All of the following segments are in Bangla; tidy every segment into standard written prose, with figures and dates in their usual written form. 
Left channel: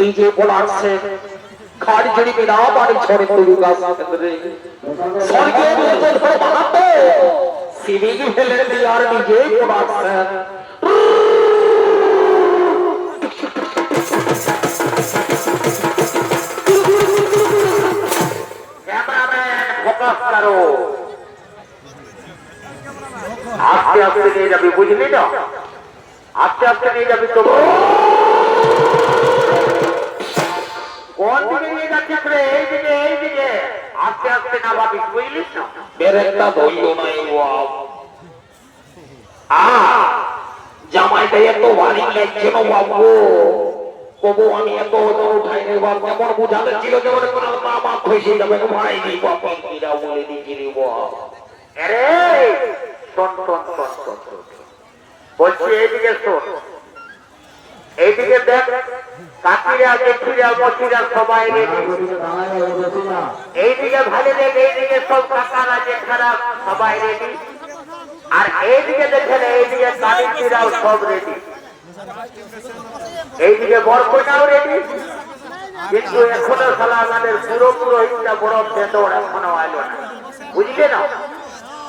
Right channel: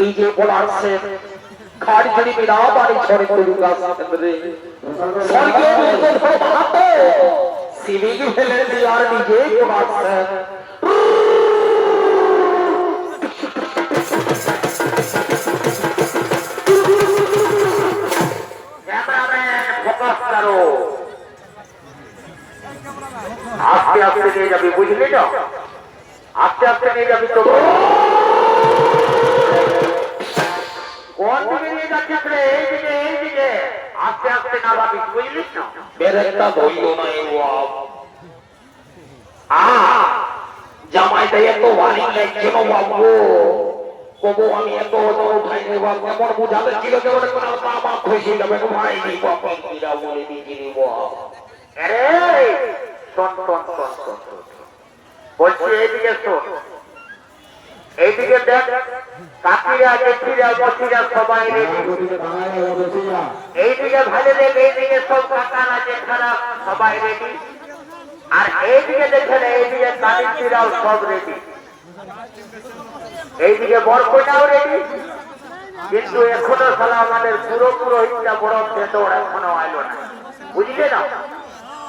डीजे बोला से खाड़ी जड़ी बिना पानी छोड़े तुलूगा रे स्वर्ग में तो बात सीवी की खेले दीवार डीजे बोला से कैमरामैन फोकस करो आस्ते आस्ते নিয়ে যাবি বুঝলি না আস্তে আস্তে নিয়ে যাবি তো কোন দিকে নিয়ে যাচ্ছিস রে এই দিকে আস্তে আস্তে না ভাবি বুঝলিস না বেরেকটা ধইল না জামাইটা এত ওয়ার্নিং লাগছে না বাবু কবো আমি এত ওজন উঠাই নেই বাবু কেমন বুঝাতে ছিল যে ওরে কোনো বাবা খুশি যাবে ভাই নি বাবা কিরা বলে দিকি রে বাবা আরে শোন বলছি এইদিকে শোন এইদিকে দেখ কাকিরা জেঠিরা মসিরা সবাই রেডি এইদিকে ভালো দেখ এইদিকে সব কাকারা জেঠারা সবাই রেডি আর এইদিকে দেখেন এইদিকে কালিরাও সব রেডি এইদিকে বরকইনাও রেডি কিন্তু এখনো সালা আমাদের পুরো ইচ্ছা বড় বেটো এখনো আইলো না বুঝলে না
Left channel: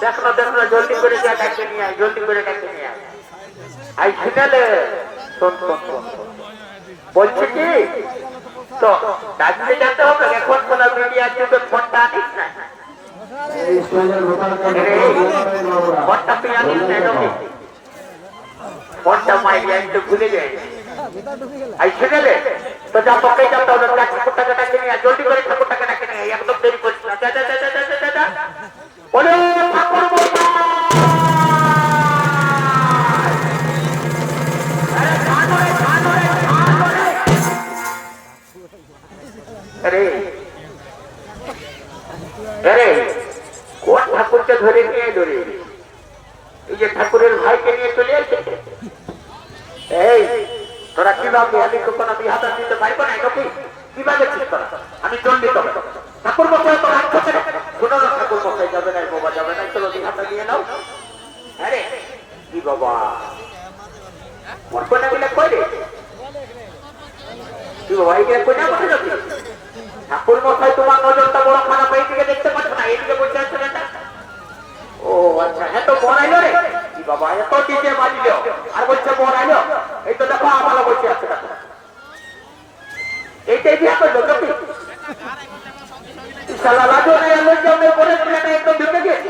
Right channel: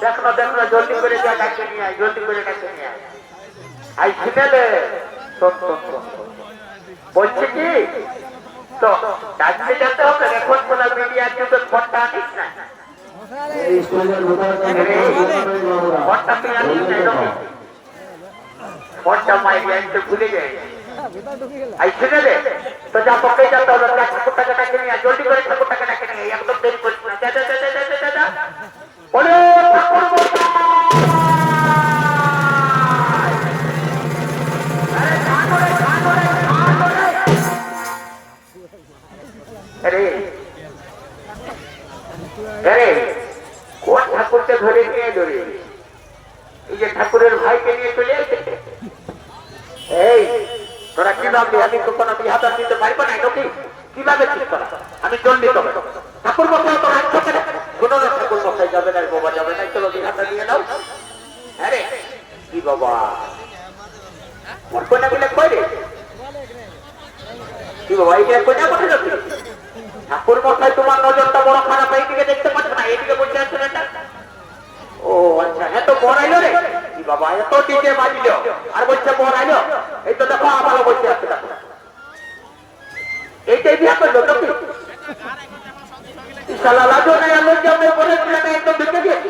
দেখো জলদি করে যা ডাকতে নিয়ে আয় জলদি করে ডাকতে নিয়ে আয় আই শুনেলে শোন বলছি কি তো ডাকতে যেতে হবে এখন কোন মিডিয়া যুগে ফোনটা আনিস না ফোনটা তুই আনিস না ফোনটা মাইলে আনতে ভুলে যাই আই শুনেলে তো যা পকে যেতে হবে ঠাকুরটাকে ডাকে নিয়ে আয় জলদি করে ঠাকুরটাকে ডাকে নিয়ে আয় একদম দেরি করিস না যা বলো ঠাকুর কোন ঠাকুরকে ধরে নিয়ে এই যে ঠাকুরের ভাইকে নিয়ে চলে এসেছে এই তোরা কি ভাবলি আমি তো কোনো বিহাতা দিতে পারবো না নাকি কিভাবে ঠিক করা আমি দণ্ডিত ঠাকুর মশাই তো শোনো না ঠাকুর মশাই যাবে না বাবা যাবে না চলো বিহাতা নিয়ে নাও আরে কি বাবা মোর কোনা গুলো কই রে কি বাবা এই কোনা কোথায় যাবে ঠাকুর মশাই তোমার নজরটা বড় খারাপ এইদিকে দেখতে পাচ্ছ না এইদিকে বসে আছে না ও আচ্ছা এত বড়াইলো রে কি বাবা এত ডিজে মারিল আর বলছে বড়াইলো এই তো দেখো ভালো বসে আছে এইটাই বিয়া করলো নাকি শালা লাগো রে আমি কেমন করে প্লেনে একদম ঢুকে গিয়েছি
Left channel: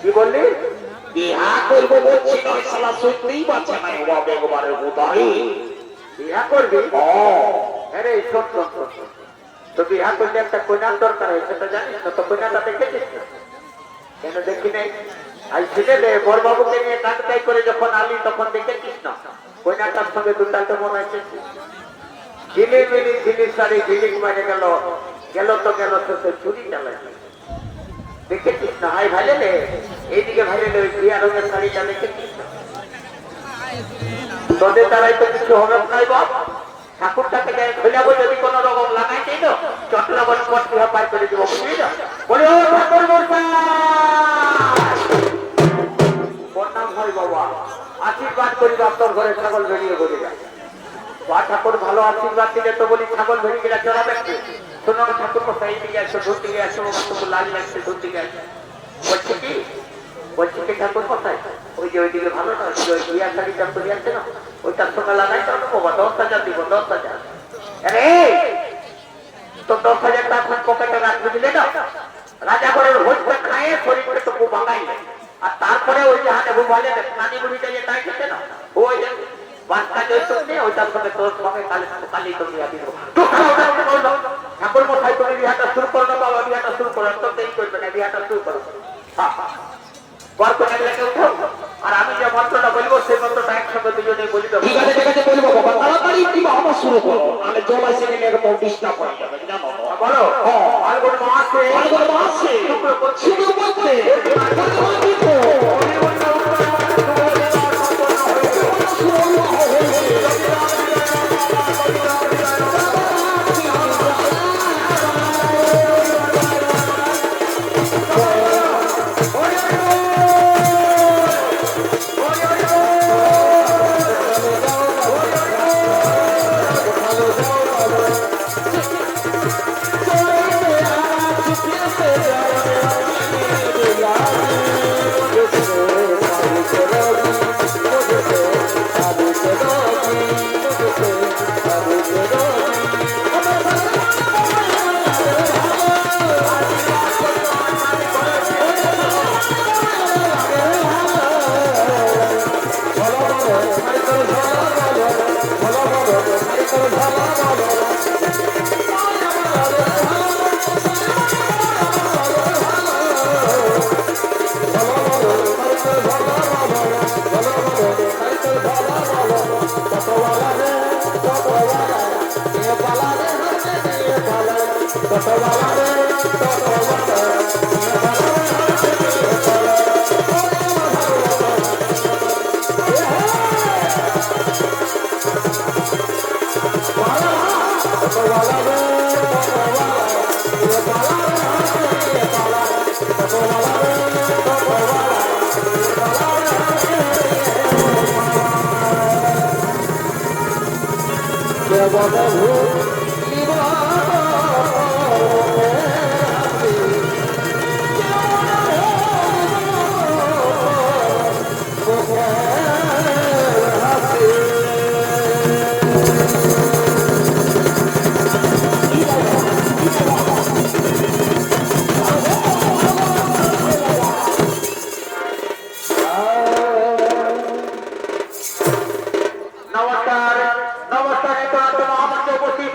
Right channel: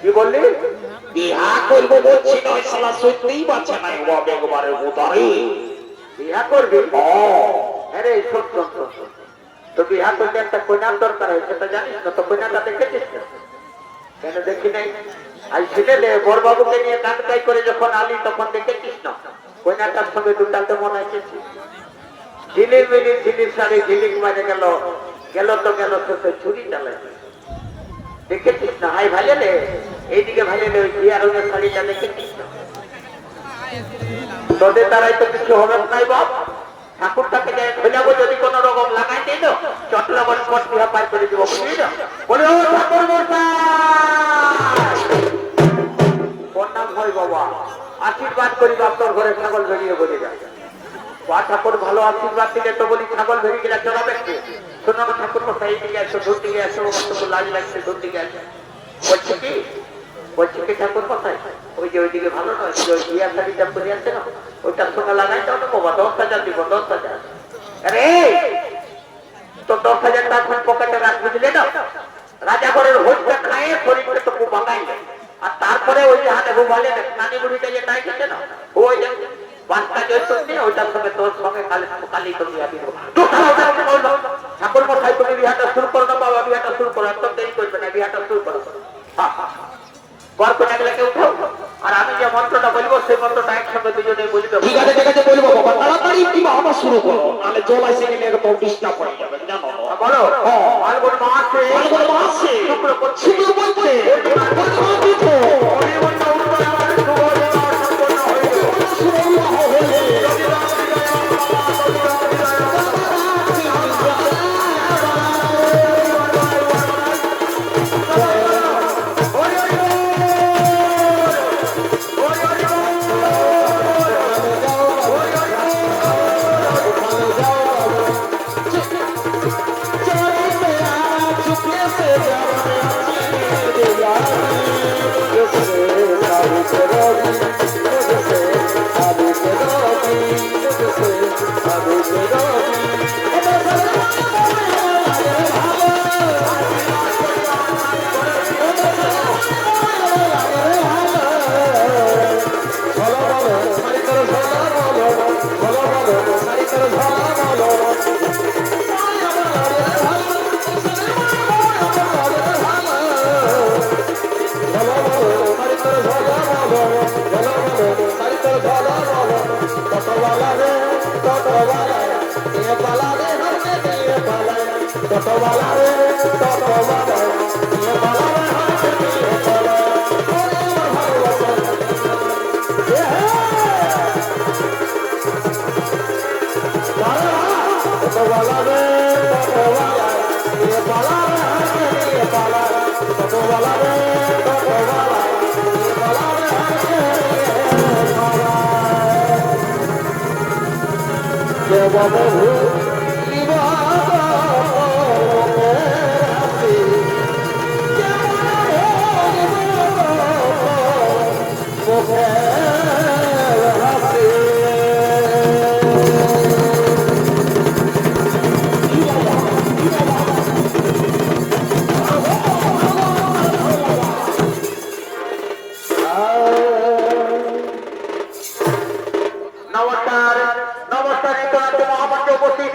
কি বললি বিহা করবো বলছি না শালা সত্যিই বাচ্চা নাই বাবা একবারে উদারি বিহা করবি আরে শোন তো বিহা করলে একটা কোনার দরকার হয় সেটা জানিস না তো কোনাটা দেখেছিস কেন দেখি নাই আই ছেলে বড়বাবুকে নিয়ে কানকাই করে যখন আলি তখন দেখেছিস না কোনাটার সঙ্গে দুটাতে মনে হচ্ছে ঝিলিমিলি ঝিলির শাড়ি ঝিলিক মারে গেল গেল তো ছুরি চালাই দেখেছিস না ভাই ভালে রে এইদিকে ভালে রে বিয়া রঙের শাড়িটা দেখেছিস তোদের দ্বারাই তো কিছু হবে নাই বাপ ঠাকুরটাকে দেয় খোলাবো যদি কোনো রকম লাগাই দিই তো চটলা বল করতে হবে পার করে দিব বুঝলি না বলে ও ঠাকুর প্রণাম হয় বাবা আশীর্বাদ করি আপনার ঘরে ছাগল বেরিয়ে বলে যায় বা ঠাকুর ভালো আশীর্বাদ দিলে তো বলি ছাগল বেরিয়ে গেলে চড়াবে শোনো ঠাকুর মশাই দিকে আসো ধর দিকে আসো লাল লাগছে ধর দিকে আসে বলছি কি ঠাকুর মশাই ওই যে ওইদিকে ভালো না ওই বিয়ার শাড়িটা পরে আছে না ওইটার সঙ্গে লাগাই দাও না বাবা 10,000 দিব 10,000 আরে তো 10,000 টাকা পকেটে রাখবি দিলে না রাজা করে ভোজটা খায় শরীরটা তো খুব ভাঙাই আর তারপরে ওই যে হাতে বলে নানি বুড়িটা যে তাই খেতে না ওই বাচ্চা যে শুনছে ওইটার সঙ্গে তোর সঙ্গে কালি তো বিয়া দিব ঠাকুর মশাই তুমি বিয়াটা শুরু করো না বাবা বিয়াটা শুরু করো তো দেরি করবে না বিয়াটা শুরু করো আর আমি যে মন্ত্রটা বলবো সেই মন্ত্রটা একসঙ্গে দুজনে বলি তো ঠিক আছে বলবো বাবা তাড়াতাড়ি কি বাবা শুরু করো আমি জমা সিনে নিয়ে তো ডিস্টার্ব করে যাবে না বলো হ্যাঁ আলগোর মাসে শুক্র করছে